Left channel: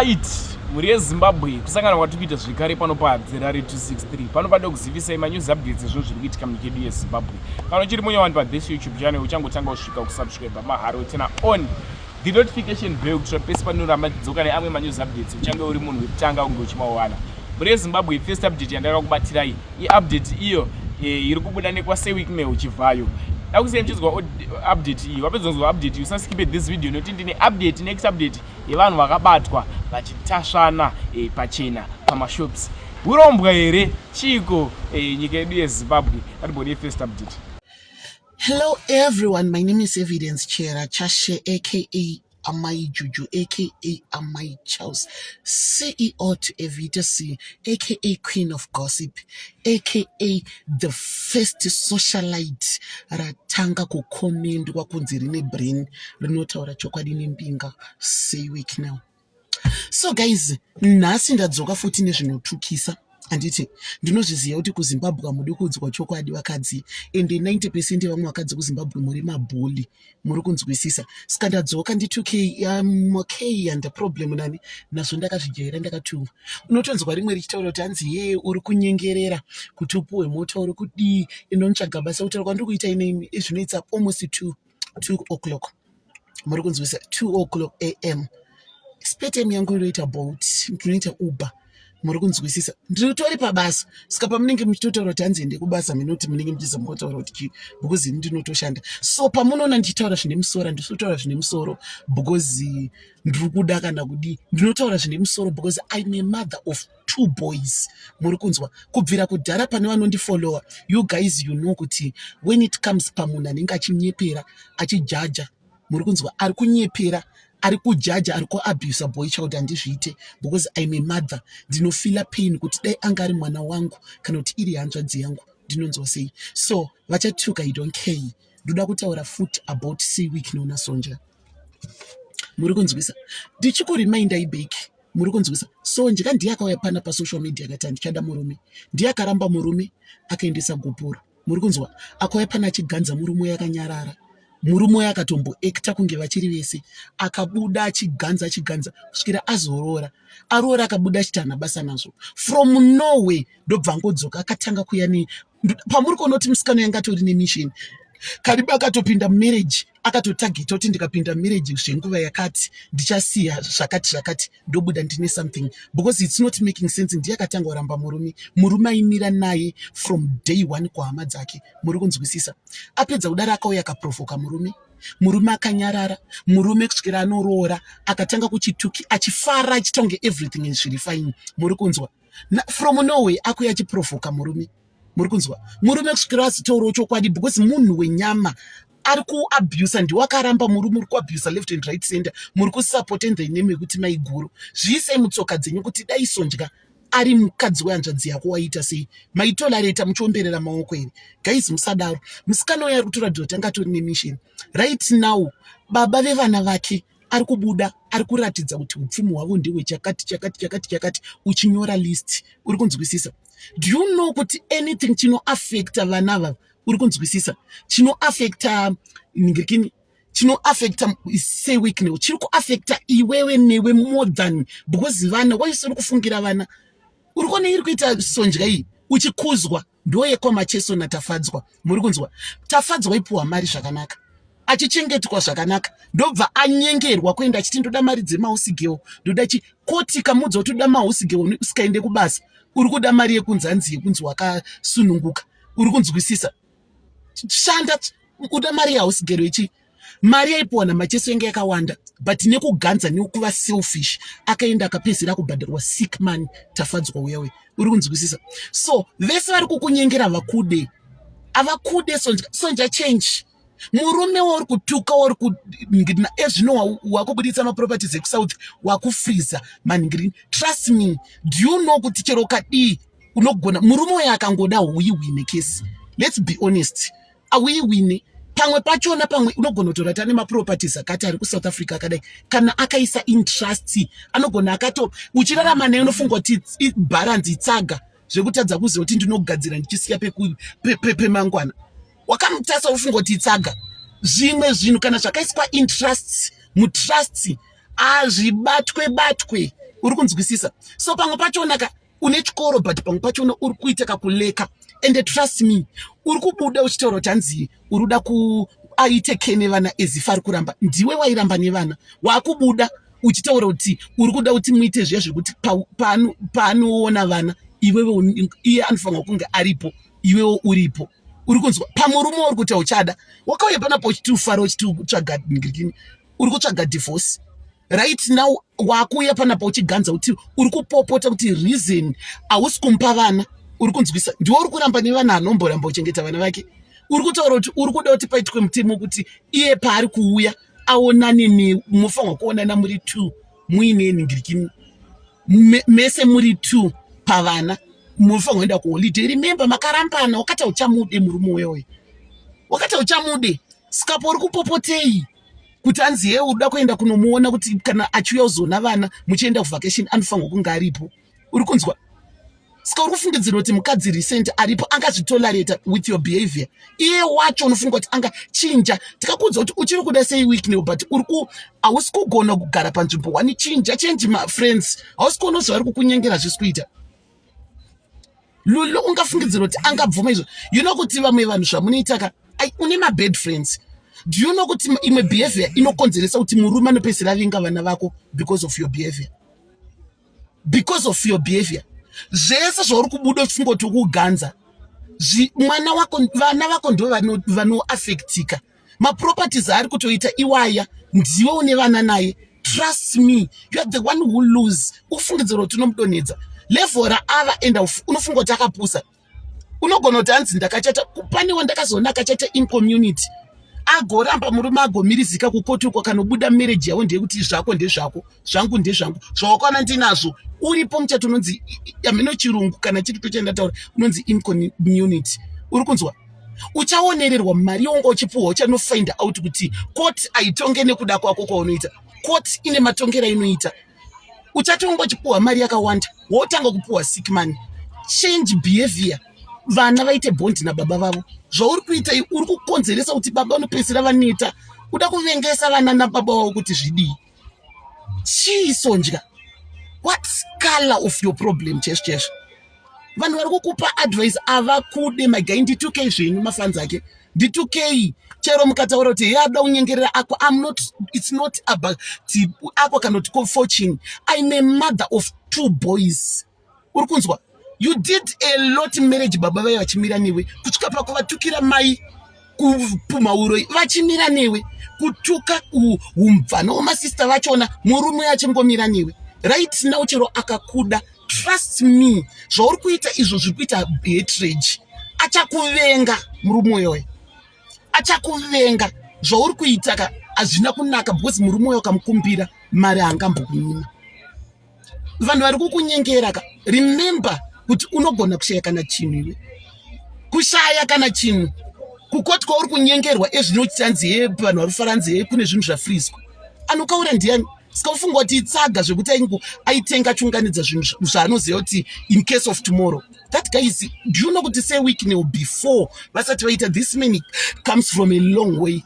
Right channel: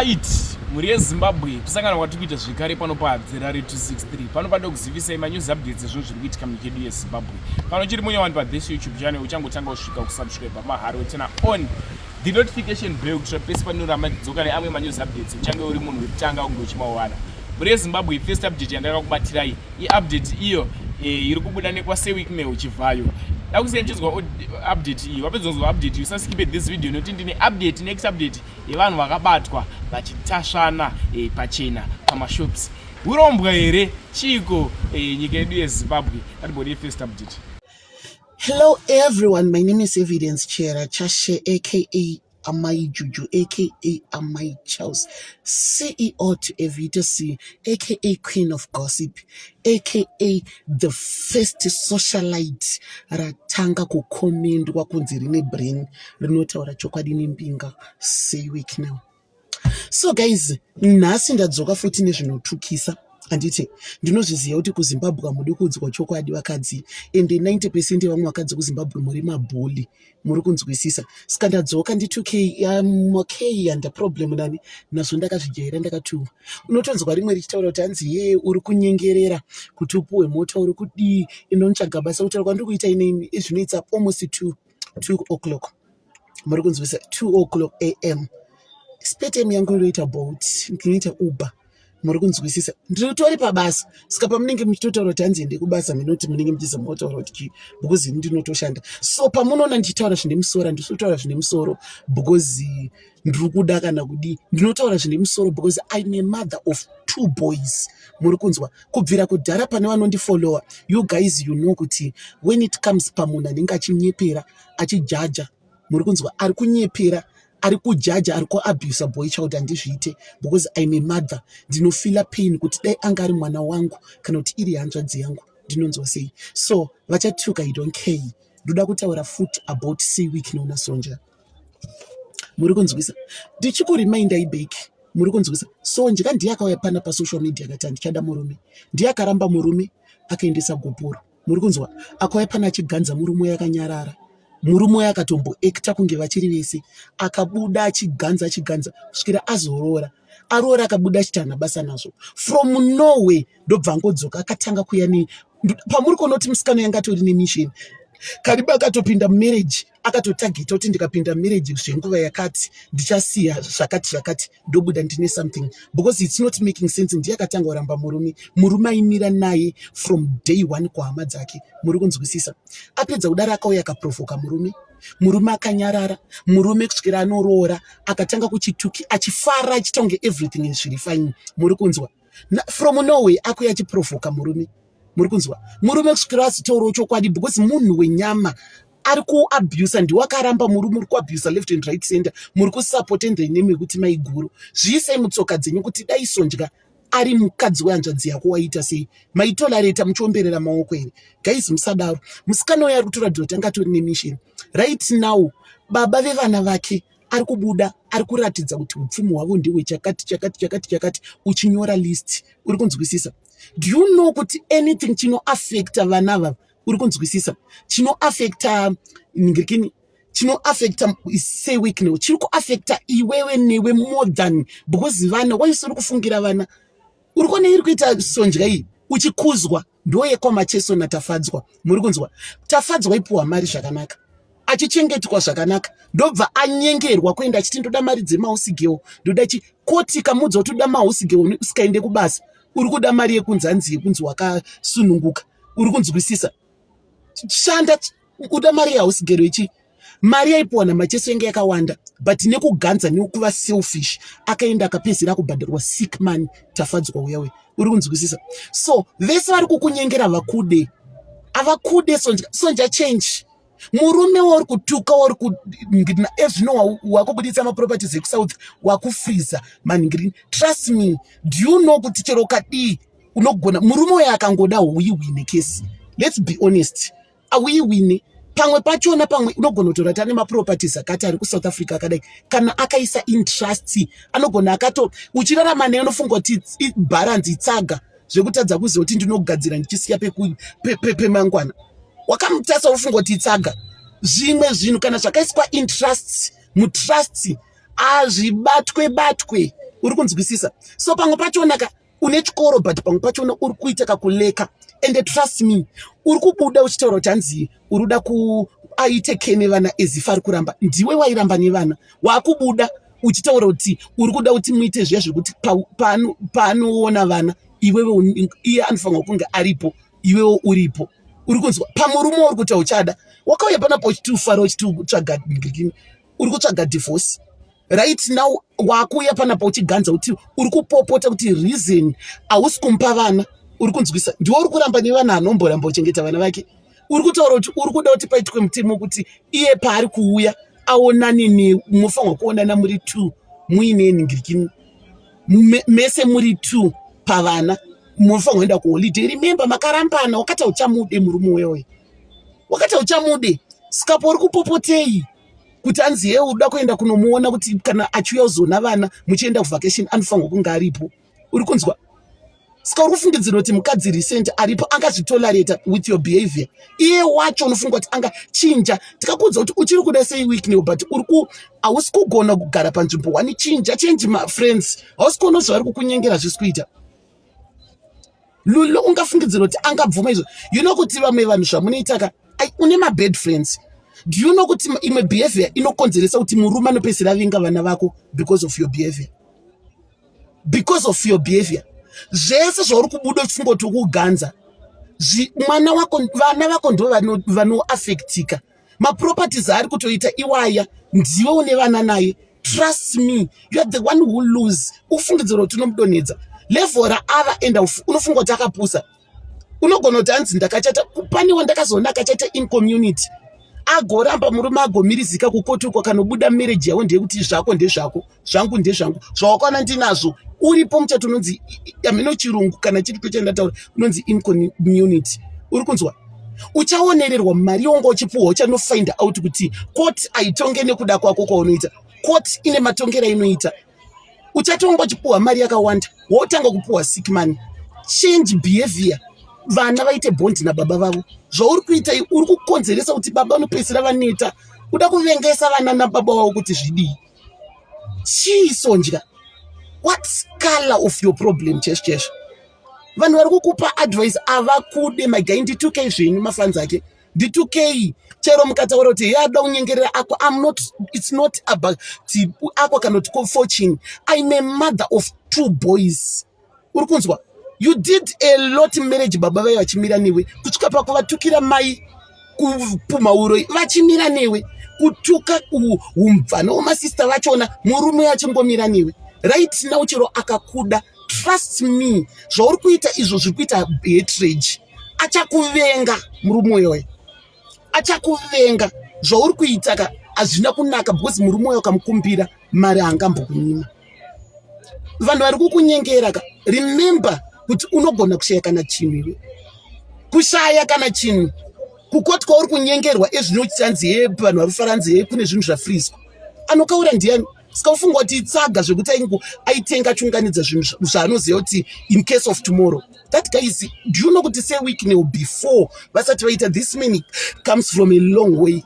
Right, muri yeZimbabwe kusangana kwatiri kuita zvekare pano paZerare 263 panopada kuzivisai manews updates ezvinhu zviri kuitika munyika yedu yeZimbabwe. Kana uchiri munyawani pathis YouTube channel uchangotanga kusvika kusubscribe maharo tena on the notification bell kuitira pese panoramadzidzoka neamwe manews updates uchange uri munhu wekutanga kunge uchimawana. Muri yeZimbabwe first update yandakakubatirai iupdate iyo iri kubuda nekwaSeWikNew uchibvayo. Ndakusenjedzwa update iyi wapedzonzwa update usaskipe this video noti ndine update next update yevanhu vakabatwa vachitasvana pachena pamashops. Urombwa here chiko nyika yedu yeZimbabwe. Thatibode first update. Hello everyone, my name is Evidence Chera Chashe aka Amai Juju aka Amai Charles, CEO to Evita C aka Queen of Gossip aka the first socialite ratanga kukomendwa kunzi rine brain rinotaura chokwadi nembinga SeWikNew. So guys, nhasi ndadzoka futi nezvinotukisa. Anditi ndinozviziva kuti kuZimbabwe muri kuudzwa chokwadi vakadzi, ende 90% vamwe vakadzi kuZimbabwe muri mabhuli, muri kunzwisisa. Saka ndadzoka ndi2K okay and problem nani nazvo ndakazvijaira ndakatuma. Unotonzwa rimwe richitaura kuti hanzi ye uri kunyengerera kuti upuwe mota uri kudii inotsvaga basa kutaura kwandiri kuita ine zvinoitsa almost 2 o'clock. Muri kunzwisisa 2 o'clock am. Spare time yangu inoita bolt, ndinoita Uber. Muri kunzwisisa ndiritori pabasa. Saka pamunenge muchitotaura kuti hanzi ende kubasa minoti munenge muchizomotaura kuti because ndinotoshanda. So pamunoona ndichitaura zvine musoro ndisotaura zvine musoro because ndiri kuda kana kudi ndinotaura zvine musoro because I'm a mother of 2 boys. Muri kunzwa kubvira kudhara pane vanondifollowa, you guys you know kuti when it comes pamunhu anenge achinyepera achijaja, muri kunzwa ari kunyepera ari kujaja ari kuabuse boy child handizviite because I'm a mother. Ndinofila pain kuti dai anga ari mwana wangu kana kuti iri hanzvadzi yangu ndinonzwa sei. So vachatuka I don't care. Ndoda kutaura futi about SeWikNew naSonja. Muri kunzwisa ndichikuremindai back. Muri kunzwisa Sonja ndiye akauya pana pasocial media akati ndichada murume, ndiye akaramba murume akaendesa gopuro. Muri kunzwa akauya pana achiganza murume yakanyarara, murume akatombo ekta kunge vachiri vese, akabuda achiganza kusvikira azorora, aroora akabuda achitana basa nazvo from nowhere. Ndobva ngodzoka akatanga kuya pamuri kuona kuti musikano yanga atori nemission karibu akatopinda marriage, akatotageta kuti ndikapinda marriage zvenguva yakati ndichasiya zvakati ndobuda ndine something because it's not making sense. Ndiye akatanga kuramba murume aimira naye from day 1 kuhama dzake. Muri kunzwisisa apedza kudaro akauya akaprovoka murume akanyarara, murume kusvikira anoroora akatanga kuchituki achifara achitonge everything is really fine. Muri kunzwa from nowhere akuya achiprovoka murume. Muri kunzwa murume kusvikira azitaurawo chokwadi because munhu wenyama ari kuabuse, ndiwo akaramba murume uri kuabuse left and right center. Muri kusupport in the name yekuti maiguru zviisei mutsoka dzenyu kuti dai Sonja ari mukadzi wehanzvadzi yako waita sei, maitolareta muchiomberera maoko here. Guys musadaro. Musikana uyo ari kutoratidza kuti anga atori nemission right now. Baba vevana vake ari kubuda ari kuratidza kuti upfumi hwavo ndihwe chakati uchinyora list. Uri kunzwisisa. Do you know kuti anything chinoaffecta vana ava, uri kunzwisisa, chinoaffecta ningirikini, chinoaffecta SeWikNew, chiri kuaffecta iwewe newe more than because vana waisori kufungira vana. Uri kuona iri kuita Sonja iyi uchikuzwa ndoyekwamacheso natafadzwa. Muri kunzwa tafadzwa ipuwa mari zvakanaka, achichengetwa zvakanaka, ndobva anyengerwa kuenda achiti ndoda mari dzemahouse girl, ndoda koti kamudza kuti uda mahouse girl usikaende kubasa uri kuda mari yekunzanzi yekunzi wakasununguka. Uri kunzwisisa shanda uda mari yahouse girl ichi mari yaipuwa namacheso enge yakawanda but nekuganza nekuva selfish akaenda akapedzera kubhadharwa sick man tafadzwa uyawe. Uri kunzwisisa. So vese vari kukunyengera vakude avakude Sonja change. Murume wari kutuka wari kuningirina ezvino wakubuditsa maproperties ekusouth wakufreeza maningirina. Trust me, do you know kuti chero kadii unogona murume uyo akangoda uiwine kesi. Let's be honest, auiwine pamwe pachona, pamwe unogona kutora tane maproperties akati ari kuSouth Africa akadai kana akaisa interest anogona akato uchirarama naye unofunga kuti balance itsaga zvekutadza kuziva kuti ndinogadzira ndichisiya pemangwana. Wakamutasa ufunga kuti itsaga zvimwe zvinhu kana zvakaiswa interest mutrust azvibatwe uri kunzwisisa. So pamwe pachona ka une chikoro but pamwe pachona uri kuita kakuleka, and trust me uri kubuda uchitaura kuti hanzi uri kuda aite nevana ezifa ari kuramba. Ndiwe wairamba nevana, wakubuda uchitaura kuti uri kuda kuti muite zviya zvekuti paanoona vana iye anofanirwa kunge aripo, iwewo uripo. Uri kunzwa pamurume uri kuti uchada wakauya panapo uchitiufara uchititsvaga uri kutsvaga divorce right now. Wakuya panapo uchiganza kuti uri kupopota kuti reason hausi kumupa vana. Uri kunzwisa, ndiwe uri kuramba nevana anomboramba uchengeta vana vake. Uri kutaura kuti uri kuda kuti paitwe mutemo kuti iye paari kuuya aonane munofanirwa kuonana muri 2 muine ningirikini mese muri 2 pavana munofanirwa kuenda kuholiday. Remember makarambana, wakati uchamude murume wewe, wakati uchamude sikapo uri kupopotei kuti anzi yeye uda kuenda kunomuona kuti kana achiuya uzona vana muchienda kuvacation anofanirwa kunge aripo. Uri kunzwa, saka uri kufungidzira kuti mukadzi recent aripo angazvitolerate with your behavior. Iye wacho unofunga kuti angachinja. Tikakuudza kuti uchiri kuda sei week new but hausi kugona kugara panzvimbo wani. Change my friends. Hausi kuona zvari kukunyengera zvisi kuita. Lulo ungafungidzira kuti angabvuma izvo. You know kuti vamwe vanhu zvamunoita une mabad friends. Do you know kuti imwe behavior inokonzeresa kuti murume anopedzisira avinga vana vako because of your behavior. Because of your behavior. Zvese zvauri kubuda uchifunga kuti ukuganza mwana wako, vana vako ndo vanoafektika. Maproperties ari kutoita iwaya, ndiwe une vana naye. Trust me, you are the one who lose. Ufungidzira kuti unomudonhedza levhora ava enda unofunga kuti akapusa. Unogona kuti hanzi ndakachata, panewo ndakazoona akachata in community agoramba murume agomirizika kukotuka kanobuda marriage yawo ndeyekuti zvako ndezvako, zvangu ndezvangu, zvawakwana ndinazvo. Uripo muchato unonzi ameno chirungu kana chiripo chandataura unonzi incommunity. Uri kunzwa, uchaonererwa mari yonga uchipuhwa, uchanofind out kuti court aitonge nekuda kwako kwaunoita. Court ine matongero inoita. Uchatonga uchipuhwa mari yakawanda, wotanga kupuhwa sick money. Change behavior. Vana vaite bond nababa vavo. Zvauri kuita uri kukonzeresa kuti baba unopedzisira vaneta. Uda kuvengesa vana nababa vavo kuti zvidii. Chiisonja. What's color of your problem, chesh? Vanhu vari kukupa advice avakude magai ndi2k zvenyu mafanzi ake. Ndi2k chero mukataura kuti yada unyengerera ako. It's not about ako cannot call fortune. I'm a mother of 2 boys. Uri kunzwa? You did a lot marriage baba vayo vachimira newe. Kusvika pakuvatukira mai kupumauro vachimira newe. Kutuka umvana wemasista vachona murume achingomira newe. Right now chero akakuda. Trust me, zvauri kuita izvo zviri kuita hatred. Achakuvenga murume wewe. Achakuvenga. Zvauri kuita hazvina kunaka because murume wewe kamukumbira mari angambokunyima. Vanhu vari kukunyengera remember kuti unogona kushaya kana chinhu iwe. Kushaya kana chinhu. Kukoti kwauri kunyengerwa ezvinochanzi vanhu vari kufaranzi kune zvinhu zvafrizwa. Anokaura ndiani? Saka ufunga kuti itsaga zvekuti aitenga chunganidza zvinhu zvaanoziva kuti in case of tomorrow. That guy is, do you know kuti say week now before vasati vaita this many comes from a long way.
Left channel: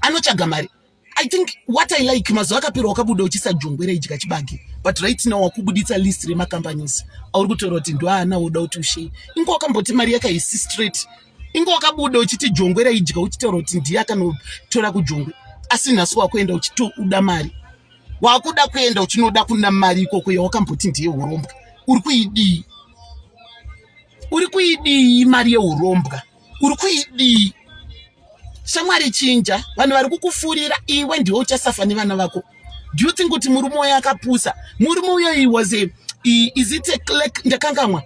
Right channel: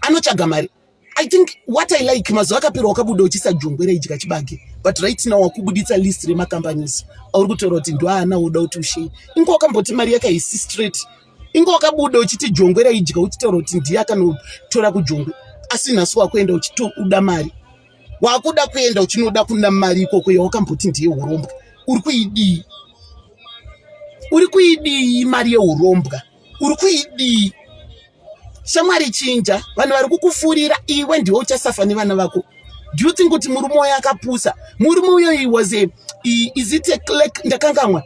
Anochaga mari. I think what I like mazuva akapera wakabuda uchisa jongwera idya chibage. But right now wakubuditsa list remacompanies. Auri kutaura kuti ndo ana uda kuti ushei. Ingo wakamboti mari yakaisi straight. Ingo wakabuda uchiti jongwera idya uchitaura kuti ndiye akanotora kujongwe. Asi nhasi wakuenda uchitoda mari. Wakuda kuenda uchinoda kuna mari ikoko yawakamboti ndiye urombwa. Uri kuidi mari yeurombwa. Uri kuidi. Shamwari chinja, vanhu vari kukufurira iwe ndiwe uchasafa nevana vako. Do you think kuti murume uyo akapusa? Murume uyo was is it a click ndakangamwa?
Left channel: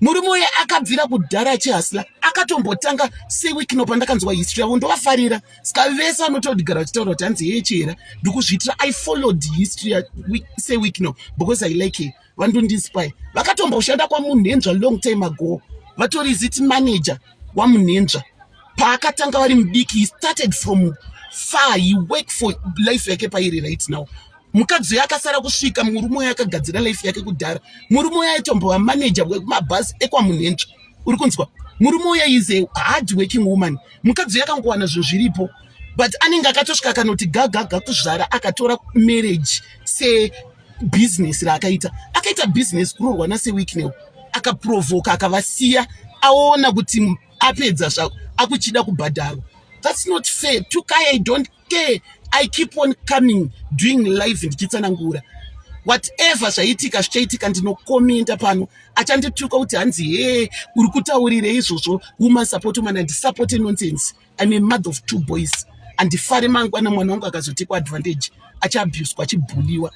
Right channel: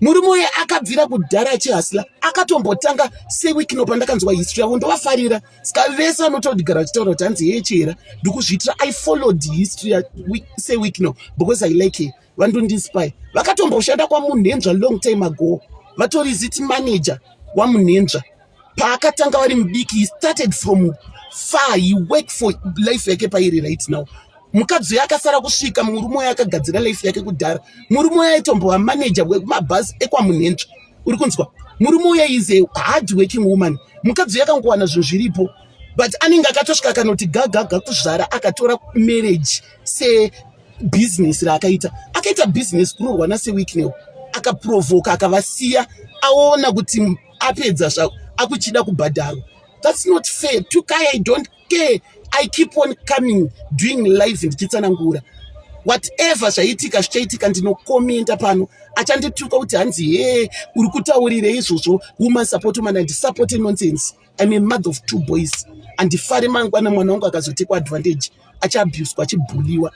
Murume uyo akabvira kudhara achihasla, akatombotanga sewiki nopandakanzwa history yavo ndovafarira. Saka vese vanotodigara vachitaura kuti hanzi yechera. Ndikuzviitira I followed history sewiki no because I like it. Vandondispy. Vakatomboshanda kwamunhendzva long time ago. Vatori ziti manager wamunhendzva. Paakatanga vari mudiki, he started from far, he worked for life yake pairi right now. Mukadzi akasara kusvika murume uyo akagadzira life yake kudhara. Murume uyo aitombova manager wemabhazi ekwamunhendzva. Uri kunzwa? Murume uyo is a hard working woman. Mukadzi akangowana zvinhu zviripo. But anenge akatosvika akanoti gaga kuzvara akatora marriage business akaita business kurorwa naseweeknel akaprovoka akavasiya aona kuti apedza zvako akuchida kubhadharwa. That's not fair. Tukai, I don't care. I keep on coming, doing live ndichitsanangura. Whatever zvaitika zvichaitika ndinokomenta pano achandituka kuti hanzi uri kutaurire izvozvo woman support woman handisupport nonsense. I'm a mother of 2 boys. Handifare mangwana mwana wangu akazotekwa advantage achiabuswa achibhuliwa.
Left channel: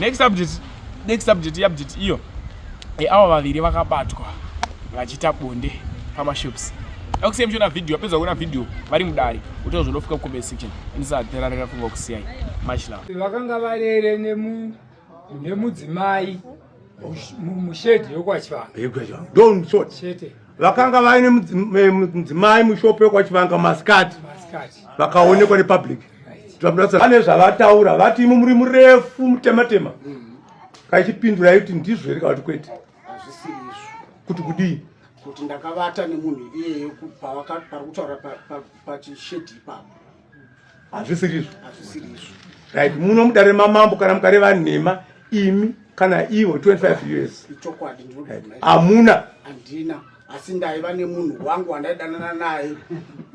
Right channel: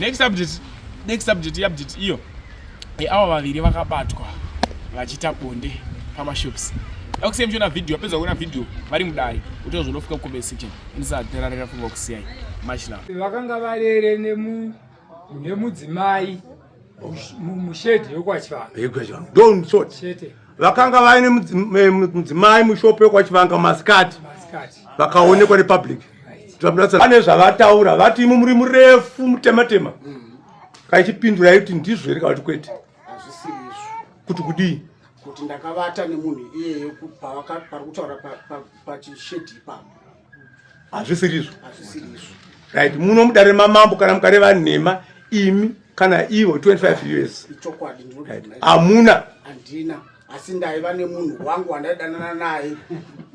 Next update iyo ava vaviri vakabatwa vachiita bonde pamashops. Akusei mchona video apedza kuona video vari mudare utozondofika kucomment section indisatherarira funga kusiyai mashina vakanga varere nemudzimai mushedhi yokwachivanga don't sort vakanga vaine mudzimai mushopo yokwachivanga maskati vakaonekwa nepublic vane zvavataura vati imi muri murefu mutematema kaichipindura kuti ndizvo here kavati kwete kuti kudii kuti ndakavata nemunhu iyeyo pari kutaura pachishedhi ipapo hazvisirizvo right muno mudare mamambo kana mukareva nhema imi kana ivo 25 years ichokwadi hamuna handina asi ndaiva nemunhu wangu wandaidanana naye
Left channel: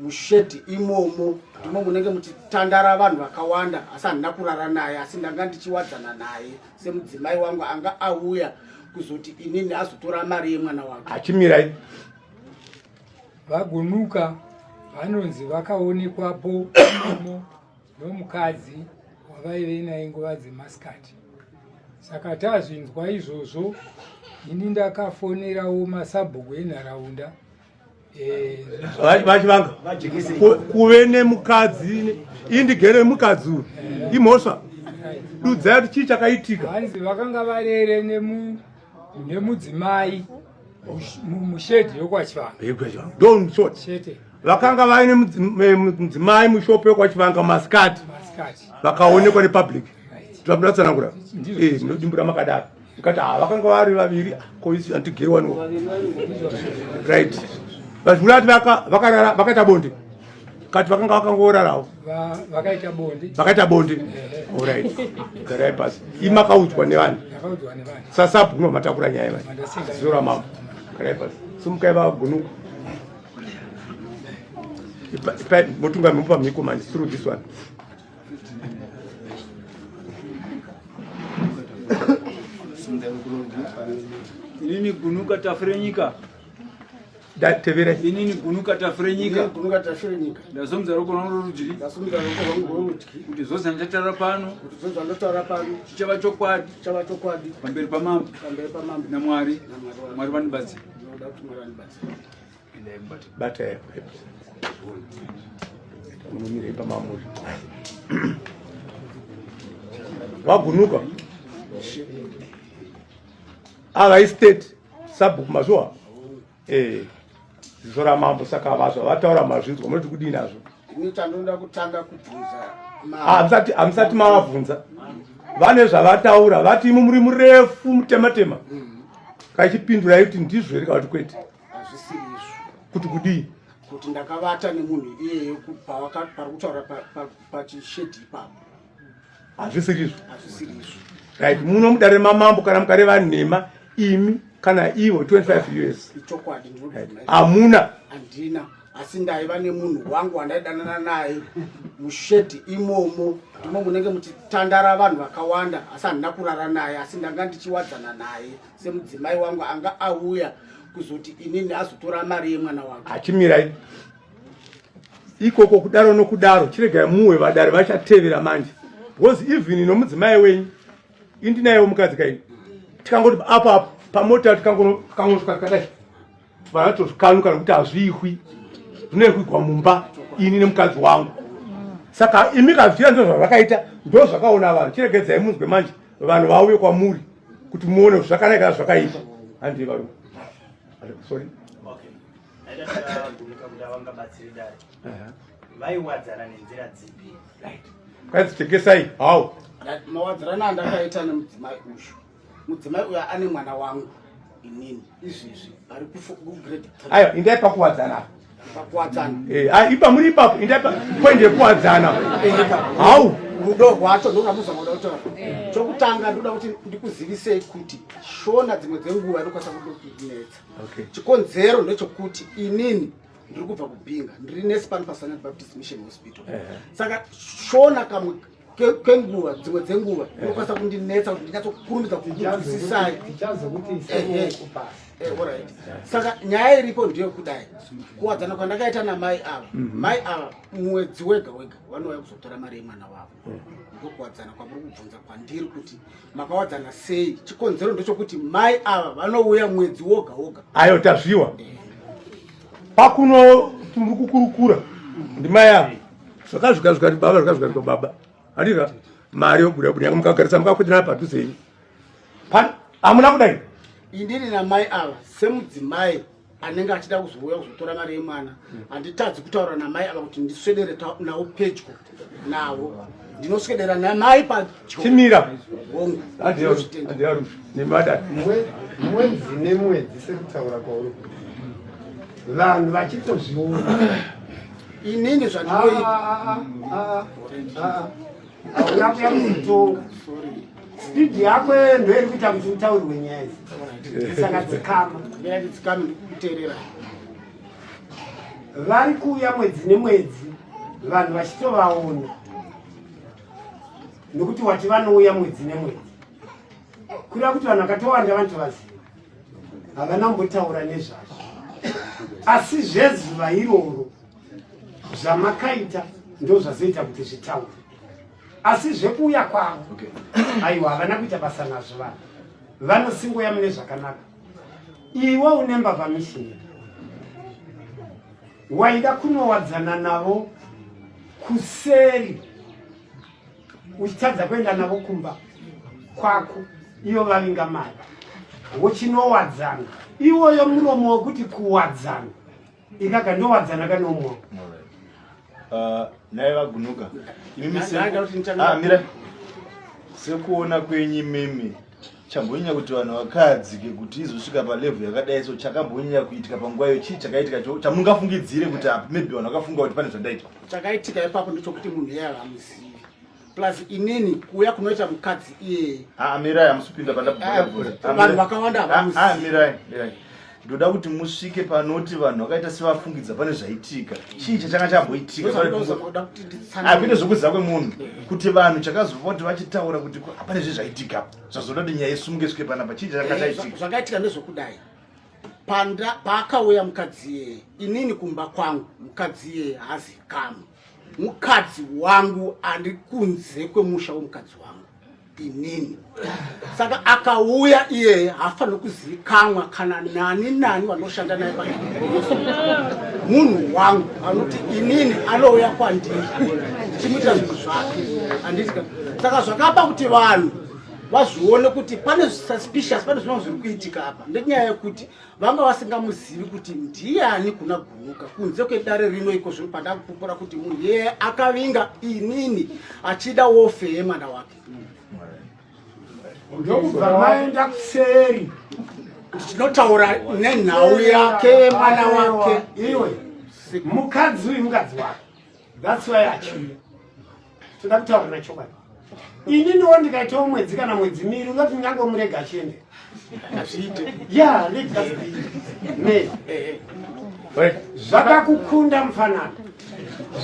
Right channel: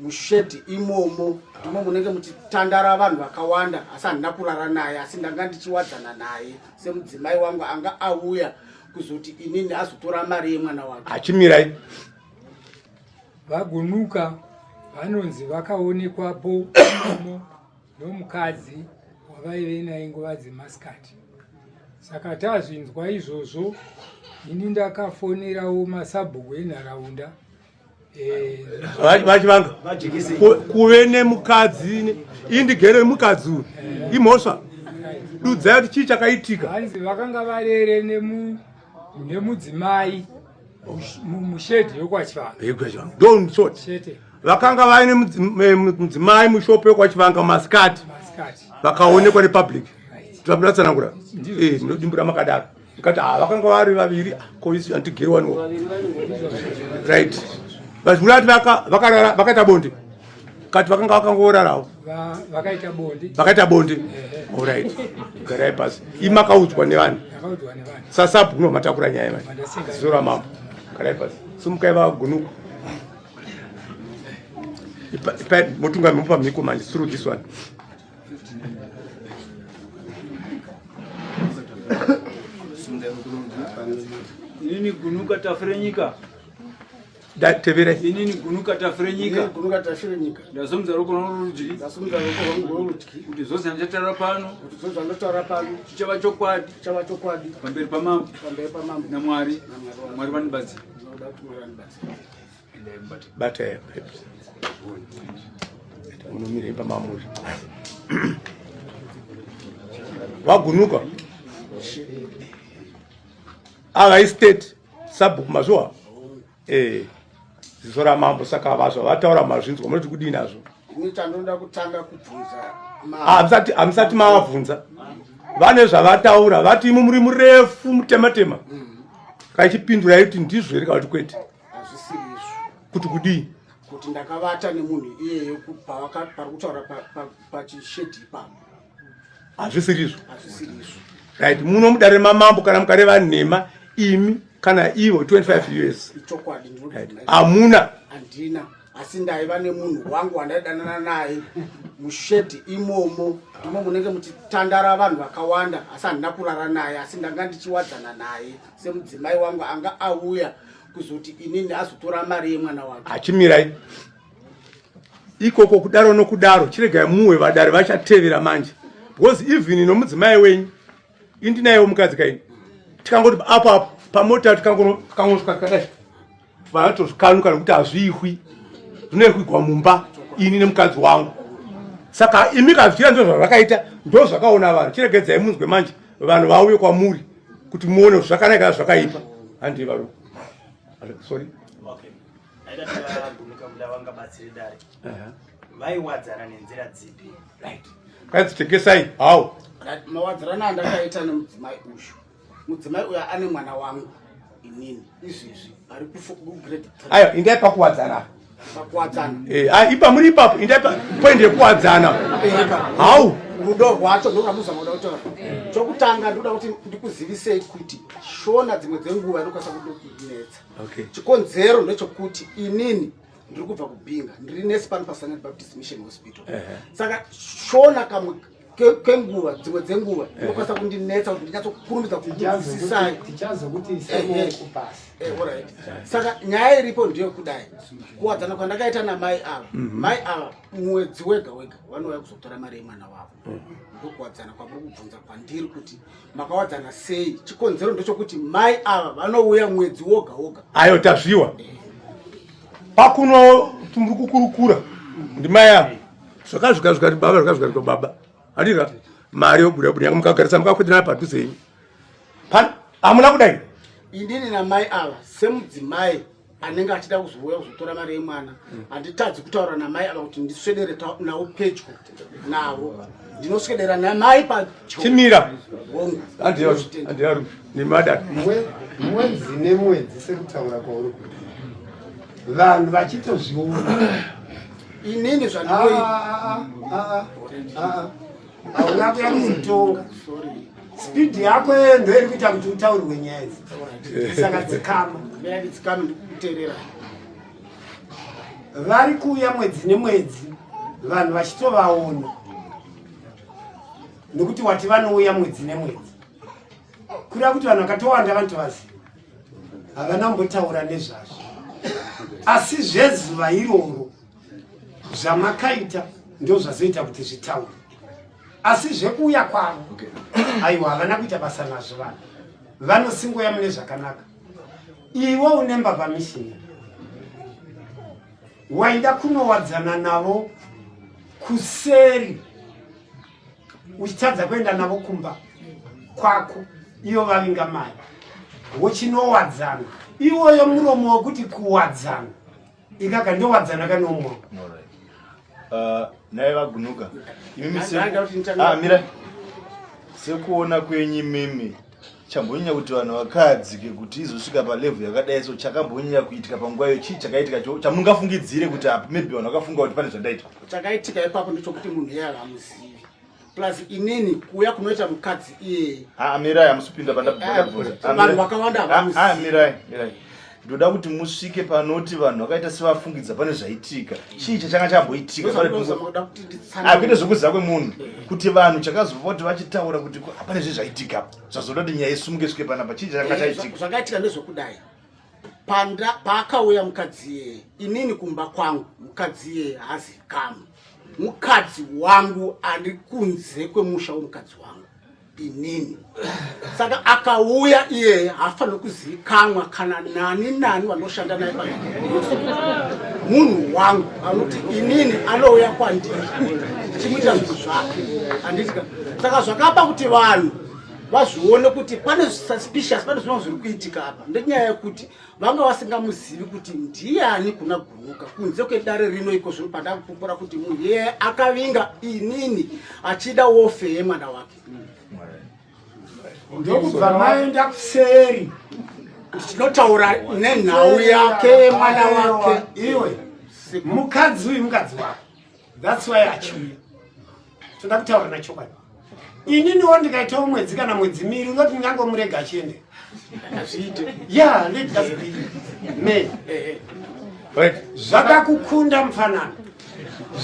mushedhi imomo ndimo munenge muchitandara vanhu vakawanda asi handina kurara naye asi ndanga ndichiwadzana naye semudzimai wangu anga auya kuzoti inini azotora mari yemwana wake achimirai vagunuka vanonzi vakaonekwapo imomo nomukadzi wavaive naye nguva dzemasikati. Saka tazvinzwa izvozvo ini ndakafonerawo masabhuku enharaunda vachivanga kuve nemukadzi indigere mukadzi uyu imhosva dudzai kuti chii chakaitika. hanzi vakanga varere nemudzimai mushedhi yokwachivanga don't sort vakanga vaine mudzimai mushopo yokwachivanga maskati vakaonekwa nepublic tinoatsanangura munodimbura makadaro ikati vakanga vari vaviri koisi antigerwaniwo right vazvurati vakaita bonde kati vakanga vakangorarawo vakaita bonde alright garai pasi imakaudzwa nevanhu sasabhuno matakura nyaya vanhu zora mambo garai pasi simukai vagunuka motunga mupa mhiko man through this one inini gunuka tafrenyika tevere inini gunuka tafrenyika ndasomza roko rwangu rorudyi kuti zvose ndichatara pano chichava chokwadi pamberi pamambo namwari vanibatsira bate unomire pamambo wagunuka ava state sabhuku mazuva zizora mambo saka vazva vataura mazvinzwa munoti kudii nazvo ini chandinoda kutanga kubvunza hamusati mavabvunza vane zvavataura vati imi muri murefu mutematema kaichipindurai kuti ndizvo here kavati kwete hazvisirizvo kuti kudii kuti ndakavata nemunhu iyeyo pari kutaura pachishedhi ipapo hazvisirizvo right muno mudare mamambo kana mukareva nhema imi kana ivo 25 years ichokwadi hamuna handina asi ndaiva nemunhu wangu wandaidanana naye mushedhi imomo ndimo munenge muchitandara vanhu vakawanda asi handina kurara naye asi ndanga ndichiwadzana naye semudzimai wangu anga auya kuzoti inini azotora mari yemwana wake achimirai ikoko kudaro nokudaro chiregai muwe vadare vachatevera manje because even nomudzimai wenyu indinayewo mukadzi kaini tikangoti apa pamota tikangonosvika kadai vanatozvikanuka nekuti hazviikwi zvinoikuigwa mumba ini nemukadzi wangu saka imi kazvira ndo zvazvakaita ndo zvakaona vanhu chiregedzai munzwe manje vanhu vauye kwamuri kuti muone zvakanaka zvakaipa handi varume sorry vaiwadzana nenzira dzipi kadzitegesai hau mawadzirana andakaita nemudzimai uyu mudzimai uyu ane mwana wangu inini izvezvi ari kugrade 3 aiwa indai pakuwadzana pakuwadzana ipa muri ipapo indapa point yekuwadzana hau rudo rwacho ndoramuzama kuda kutaura chokutanga ndoda kuti ndikuzivisei kuti shona dzimwe dzenguva inokwanisa kunetsa chikonzero ndechokuti inini ndiri kubva kubhinga ndiri nesi pano paSunday Baptist Mission Hospital saka shona kamwe kenguva dzimwe dzenguva inokwanisa kundinetsa kuti ndinyatsokurumbidza kukudzidzisai saka nyaya iripo ndeyekudai kuwadzana kwandakaita namai ava mai ava mwedzi wega wega vanouya kuzotora mari yemwana wavo ndokuwadzana kwamuri kubvunza kwandiri kuti makawadzana sei chikonzero ndechokuti mai ava vanouya mwedzi woga woga ayo tazviwa pakuno tumuri kukurukura ndimai avo zvakazvika baba zvikazvika baba andika mari yobuda buda mukagarisa mukakweterana padhuze ini hamuna kudai indini namai ava semudzimai anenge achida kuzouya kuzotora mari yemwana handitadzi kutaura namai ava kuti ndiswedere navo pedyo navo ndinoswedera namai pachimira hongu nemada mwedzi nemwedzi sekutaura kwauri vanhu vachitozviona inini zvandinoita hauna kuya kuzotonga spidi yako ndoiri kuita kuti utaurirwe nyaya idzi saka dzikama ndikukuteerera vari kuuya mwedzi nemwedzi vanhu vachitovaona nekuti wati vanouya mwedzi nemwedzi kureva kuti vanhu vakatowanda vanotovaziva havana kumbotaura nezvazvo asi zvezuva iroro zvamakaita ndo zvazoita kuti zvitaure asi zvekuuya kwavo aiwa havana kuita basa nazvo vanhu vanosingoya mune zvakanaka iwe une mbavha mishini waida kunowadzana navo kuseri uchitadza kuenda navo kumba kwako iyo vavinga mari wochinowadzana iwoyo muromo wekuti kuwadzana ikaka ndowadzana kanomwoyo naye vagunuka mira sekuona kwenyu meme chambonyanya kuti vanhu vakadzike kuti izosvika palevhu yakadai so chakambonyanya kuitika panguva iyo chii chakaitika chamungafungidzire kuti apa maybe vanhu vakafunga kuti pane zvandaitika chakaitika ipapo ndechokuti munhu iye havamuzivi plus inini kuuya kunoita mukadzi iyeye mirai hamusipinda vanhu vakawanda havamuzivi mirai ndoda kuti musvike panoti vanhu vakaita sevafungidza pane zvaitika chii chachanga chamboitika kwete zvokuziva kwemunhu kuti vanhu chakazova kuti vachitaura kuti pane zvezvaitika zvazoda kuti nyaya isumuke svike panapa chii chachanga chaitika zvakaitika ndezvekudai paakauya mukadzi iyeye inini kumba kwangu mukadzi iyeye hazikamwe mukadzi wangu ari kunze kwemusha womukadzi wangu inini saka akauya iyeye haafaniri kuzivikanwa kana nani vanoshanda naye munhu wangu anoti inini anouya kwandiri chimuitira zvinhu zvake handitika saka zvakapa kuti vanhu vazvione kuti pane suspicious pane zvinhu zviri kuitika apa ndenyaya yekuti vanga vasingamuzivi kuti ndiani kuna gunuka kunze kwedare rino iko zvino pandakupupura kuti munhu yeye akavinga inini achida wofe yemwana wake ndokubva maenda kuseri tinotaura nenhau yake mwana wake iwe mukadzi uyu mukadzi wako that's why achiuya toda kutaura nachokwadi ininiwo ndikaitawo mwedzi kana mwedzi miri ungati ndingangomurega achiende azviite ya me zvakakukunda mufanano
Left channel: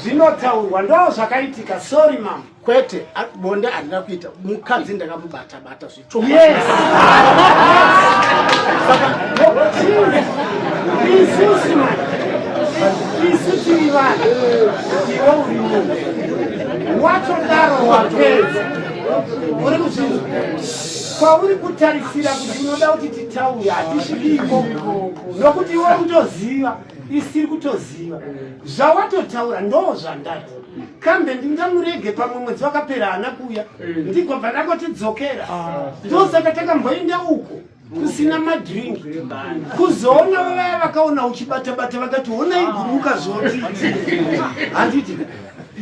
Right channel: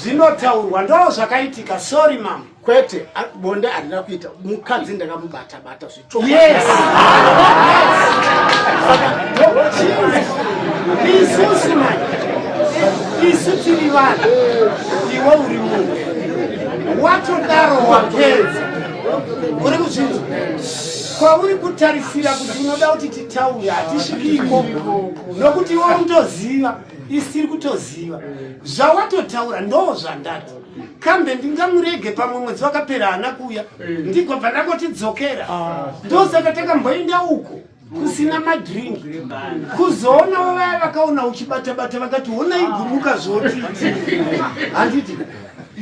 zvinotaurwa ndo zvakaitika sorry mama kwete bonde handina kuita mukadzi ndakamubata zvicho yes isu tiri vanhu iwe uri munhu watodaro wapedza uri kuzvinzwa kwauri kutarisira kuti unoda kuti titaure hatisvikiko nokuti iwe utoziva isiri kutoziva zvawatotaura ndo zvandati kambe ndingamurege pamwe mwedzi wakapera hana kuya ndigobva ndakotidzokera ndosaka takamboenda uko kusina madrink kuzoona vavaya vakaona uchibata-bata vakati ona iguruka zvotiti handiti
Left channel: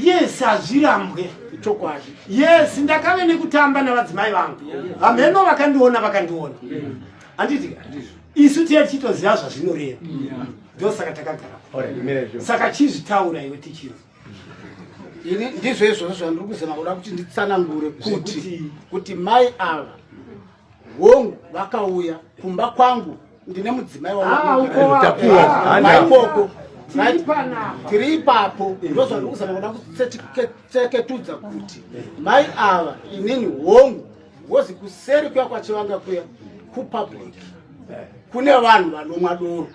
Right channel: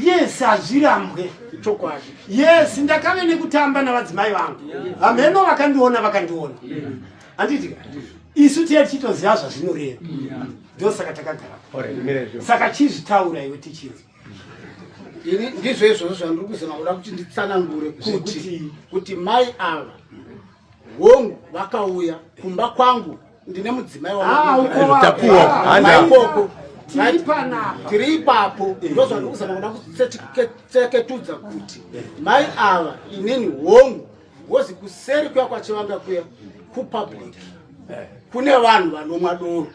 yes hazvirambwe chokwadi yes ndakave nekutamba navadzimai vangu hameno vakandiona handiti isu tichitoziva zvazvinoreva ndosaka takagara saka chizvitaura iwe tichizwa ini ndizvo izvozvo zvandiri kuzama kuda kuti nditsanangure kuti mai ava hongu vakauya kumba kwangu ndine mudzimai wamaikoko tiri ipapo ndo zvandiri kuzama kuda kutseketudza kuti mai ava inini hongu wozi kuseri kuya kwachivanga kuya kupublic kune vanhu vanomwa doro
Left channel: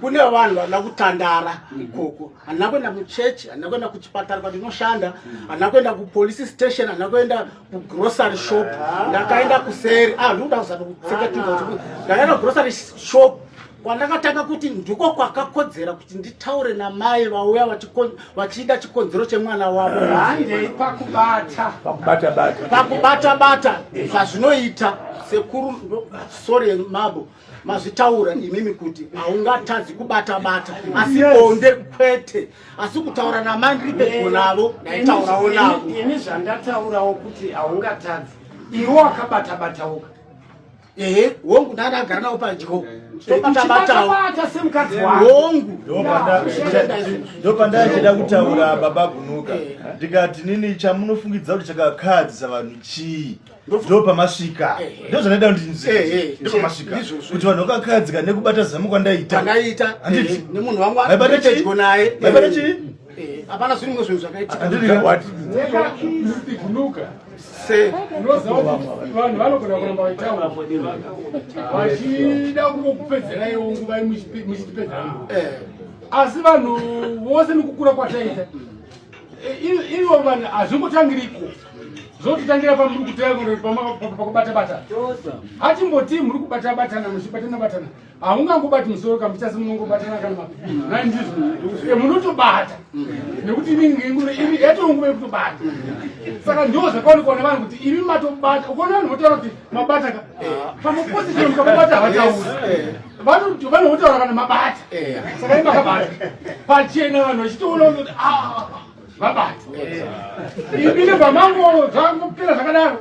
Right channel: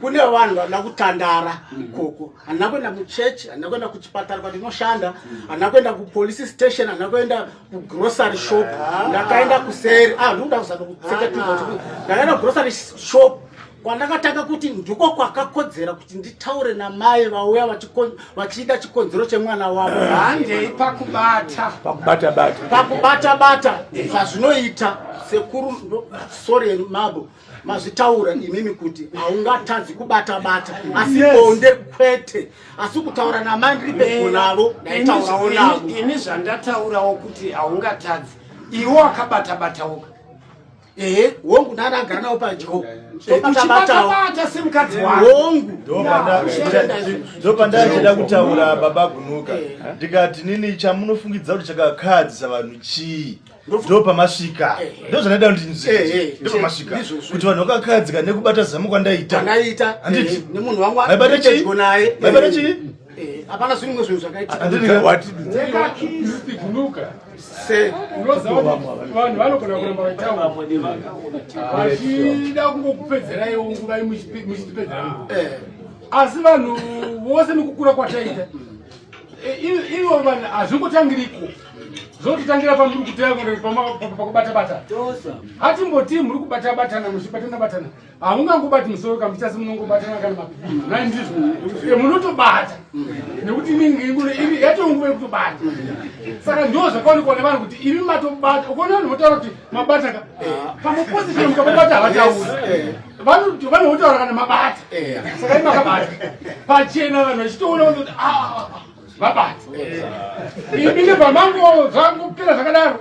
kune vanhu vanoda kutandara ikoko handina kuenda muchechi handina kuenda kuchipatara kwandinoshanda handina kuenda kupolice station handina kuenda kugrocery shop ndakaenda kuseri ndikuda kuzama kutseketudza kuti ndakaenda kugrocery shop kwandakatanga kuti ndiko kwakakodzera kuti nditaure namai vauya vachida chikonzero chemwana wavo handei pakubata-bata zvazvinoita sekuru sori mabo mazvitaura imimi kuti haungatadzi kubata-bata asi bonde kwete asi kutaura namai ndiri pedyo navo ndaitaurawo navo ini zvandataurawo kuti haungatadzi iwe wakabata-batauka hongu ndandagara nawo padyo tobata-batawo hongu ndopandachida kutaura baba Gunuka ndikati nini chamunofungidza kuti chakakadzisa vanhu chii ndopamasvika ndozvanaida kuti ndinzike ndopamasvika kuti vanhu vakakadzika nekubata zamu kwandaita nemunhu wangu apedyo naye maibata chii hapana zvinhu zvinhu zvakaitika vanhu vanogona kuramba vaitaura vachida kungokupedzerai nguva muchitipedzera asi vanhu vose nekukura kwataita ivo vanhu hazvingotangiriko zvototangira pamuri pakubata-bata hatimboti muri kubata-batana muchibatana-batana haungangobati musoro kamuchasi munongobatana kana ndizvo munotobata nekuti yatonguva yekutobata saka ndo zvakaonekwa nevanhu kuti imi matobata ukona vanhu votaura kuti mabata pamuposition mukababata havatauri vanhu votaura kana mabata saka imi makabata pachena vanhu vachitoona kuti mabata ibile pamango zvangopera zvakadaro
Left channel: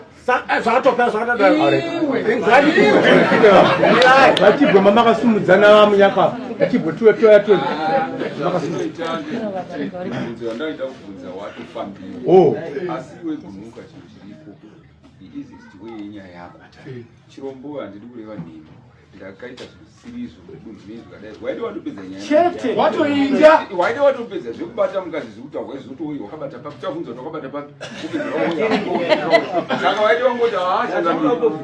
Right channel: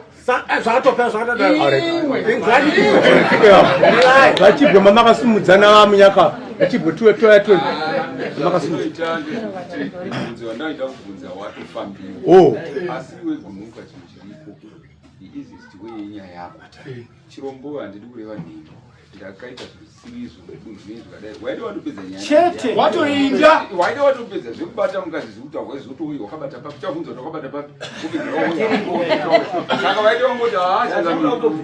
zvatopera zvakadaro vachibva mamakasimudzana vamunyaka vachibva toya ndaita kubvunza watofambira asi iwe Gunuka chinhu chiripo iiziti weyenyaya yako chirombo handidi kureva nini ndakaita zvisizvo kudunhu nezvakadai waida watopedza nyaya watoinda waida watopedza zvekubata mukadzi zvekuti hawaizotoui wakabata papi takubvunza kuti wakabata papi saka waida wangoti haashaza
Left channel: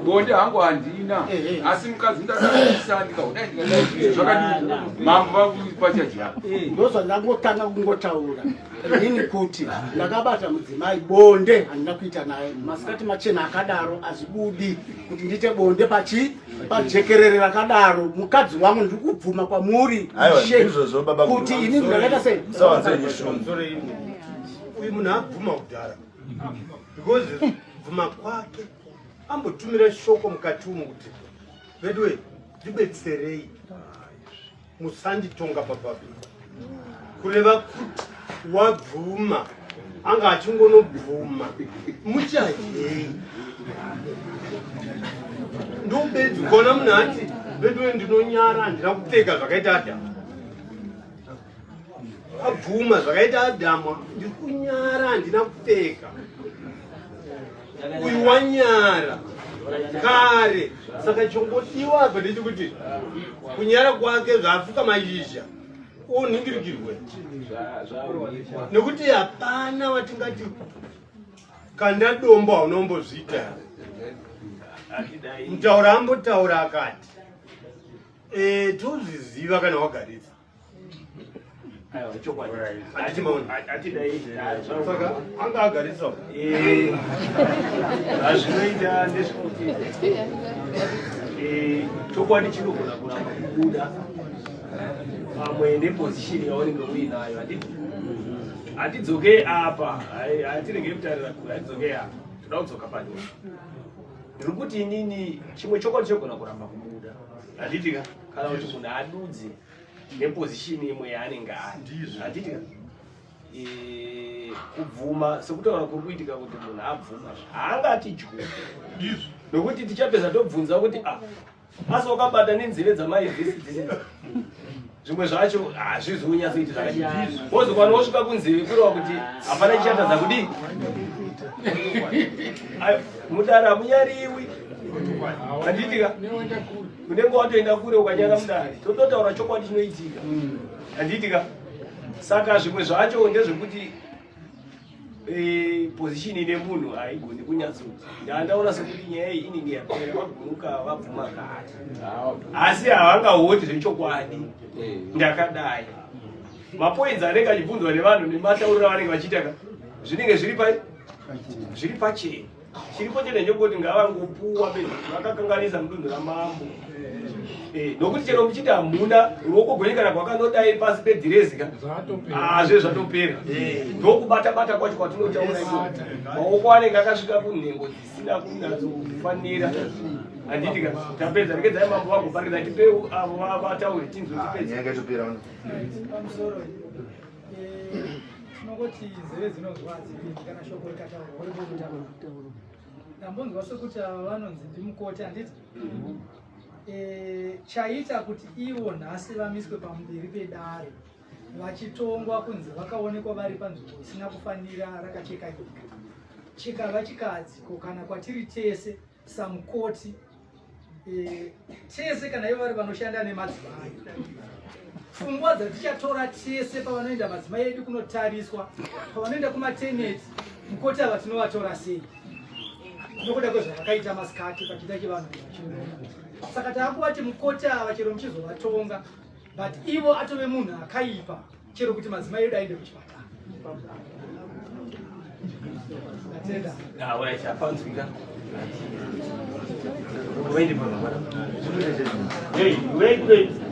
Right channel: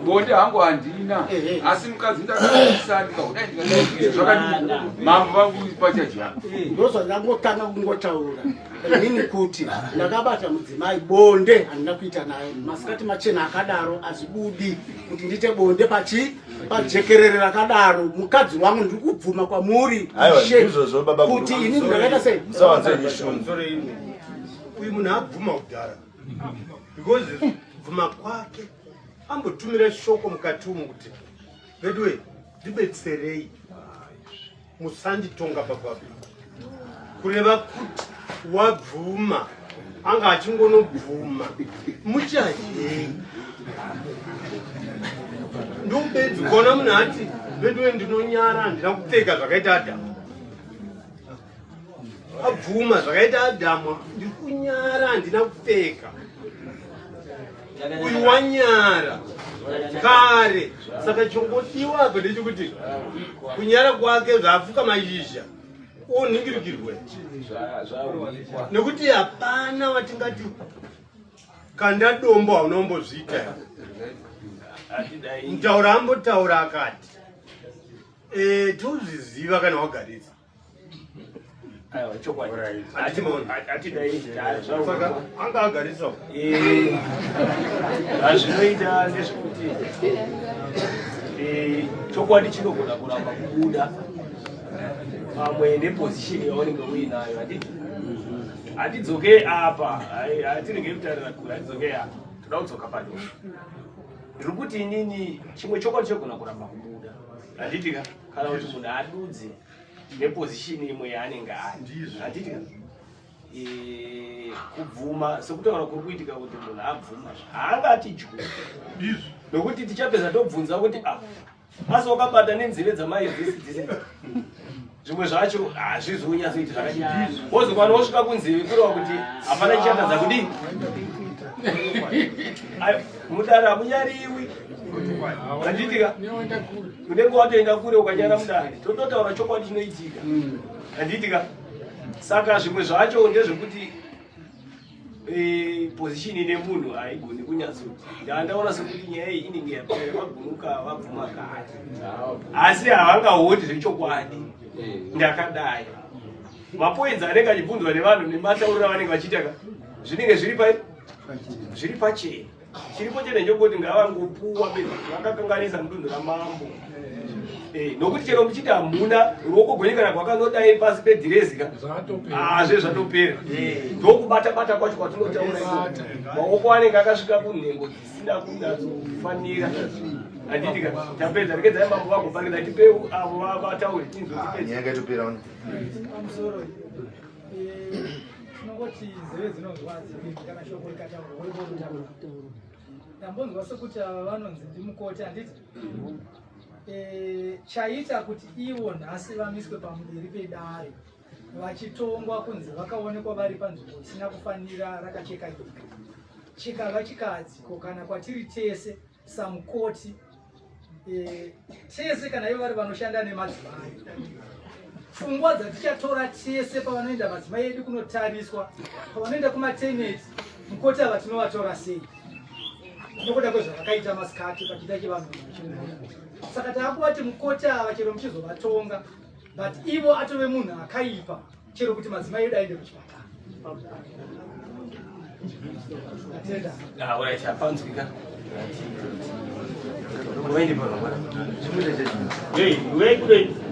bonde hangu handina asi mukadzi ndakaisa ndikahudai ndikadai zvakadii mambo vangu pachaji yako ndozvandangotanga kungotaura inini kuti ndakabata mudzimai bonde handina kuita naye masikati machena akadaro hazvibudi kuti ndiite bonde pajekerere rakadaro mukadzi wangu ndiri kubvuma kwamuri kuti inini ndakaita sei uyu munhu abvuma kudhara because bvuma kwake ambotumira shoko mukati umu kuti vedwe ndibetserei musanditonga papapi kureva kuti wabvuma anga achingonobvuma muchahei ndobedzi kuona munhu ati vedwe ndinonyara handina kupfeka zvakaita adhamu wabvuma zvakaita adhamu ndiri kunyara handina kupfeka uyu wanyara kare saka chongodiwa apa ndechekuti kunyara kwake zvaapfuka mashizha onhingirikirwe nekuti hapana watingati kanda dombo haunombozviita mutaura ambotaura akati tozviziva kana wagaridza saka anga agaritsa zvinoita ndezvekuti chokwadi chinogona kuramba kubuda pamwe nepozishini yaunenge uinayo hatidzoke apa hatirege kutarira kure hatidzoke apa toda kudzoka padoko ndiri kuti inini chimwe chokwadi chogona kuramba kubuda handitika kana kuti munhu adudze nepozishini imwe yaanenge ari handitika kubvuma sekutaura kuri kuitika kuti munhu abvuma haangati juu nokuti tichapedza tobvunza kuti asi wakabata nenzeve dzamai dzese zvimwe zvacho hazvizonyatsoiti zvakanyanya wozokwana wosvika kunzeve kureva kuti hapana chichatadza kudini mudare hamunyariwi handitika unenge watoenda kure ukanyara mudare tototaura chokwadi chinoitika handitika saka zvimwe zvacho ndezvekuti position nemunhu haigoni kunyatsoti ndandaona sekuti nyaya iyi inenge yapera vagunuka vabvuma kare asi havangahoti zvechokwadi ndakadai mapoints anenge achibvunzwa nevanhu nematauriro avanenge vachiita zvinenge zviri pachena chiripo chete ndechekuti ngavangopuwa bedzi vakakanganisa mudunhu ramambo nokuti chero muchiti hamuna ruoko gwenyu kana kwakanodai pasi pedhirezika zvezvatopera ndokubata-bata kwacho kwatinotaura iko maoko anenge akasvika kunhengo dzisina kunyatsofanira handitika tapedza rekedzai mambo vagopangidza tipeu avo vataure tinzotipedza kuti nzeve dzinozvanzi kana shoko rikataurwa ndambonzwa sekuti ava vanonzi ndimukoti handiti chaita kuti ivo nhasi vamiswe pamberi pedare vachitongwa kunzi vakaonekwa vari panzvimbo isina kufanira rakacheka nyika chikava chikadziko kana kwatiri tese samukoti tese kana ivo vari vanoshanda nemadzimai pfungwa dzatichatora tese pavanoenda madzimai edu kunotariswa pavanoenda kumateneti mukoti ava tinovatora sei nokuda kwezvavakaita masikati pachiita chevanhu saka taakuvati mukoti ava chero muchizovatonga but ivo atove munhu akaipa chero kuti madzimai edu aende kuchipatara Hey, wait.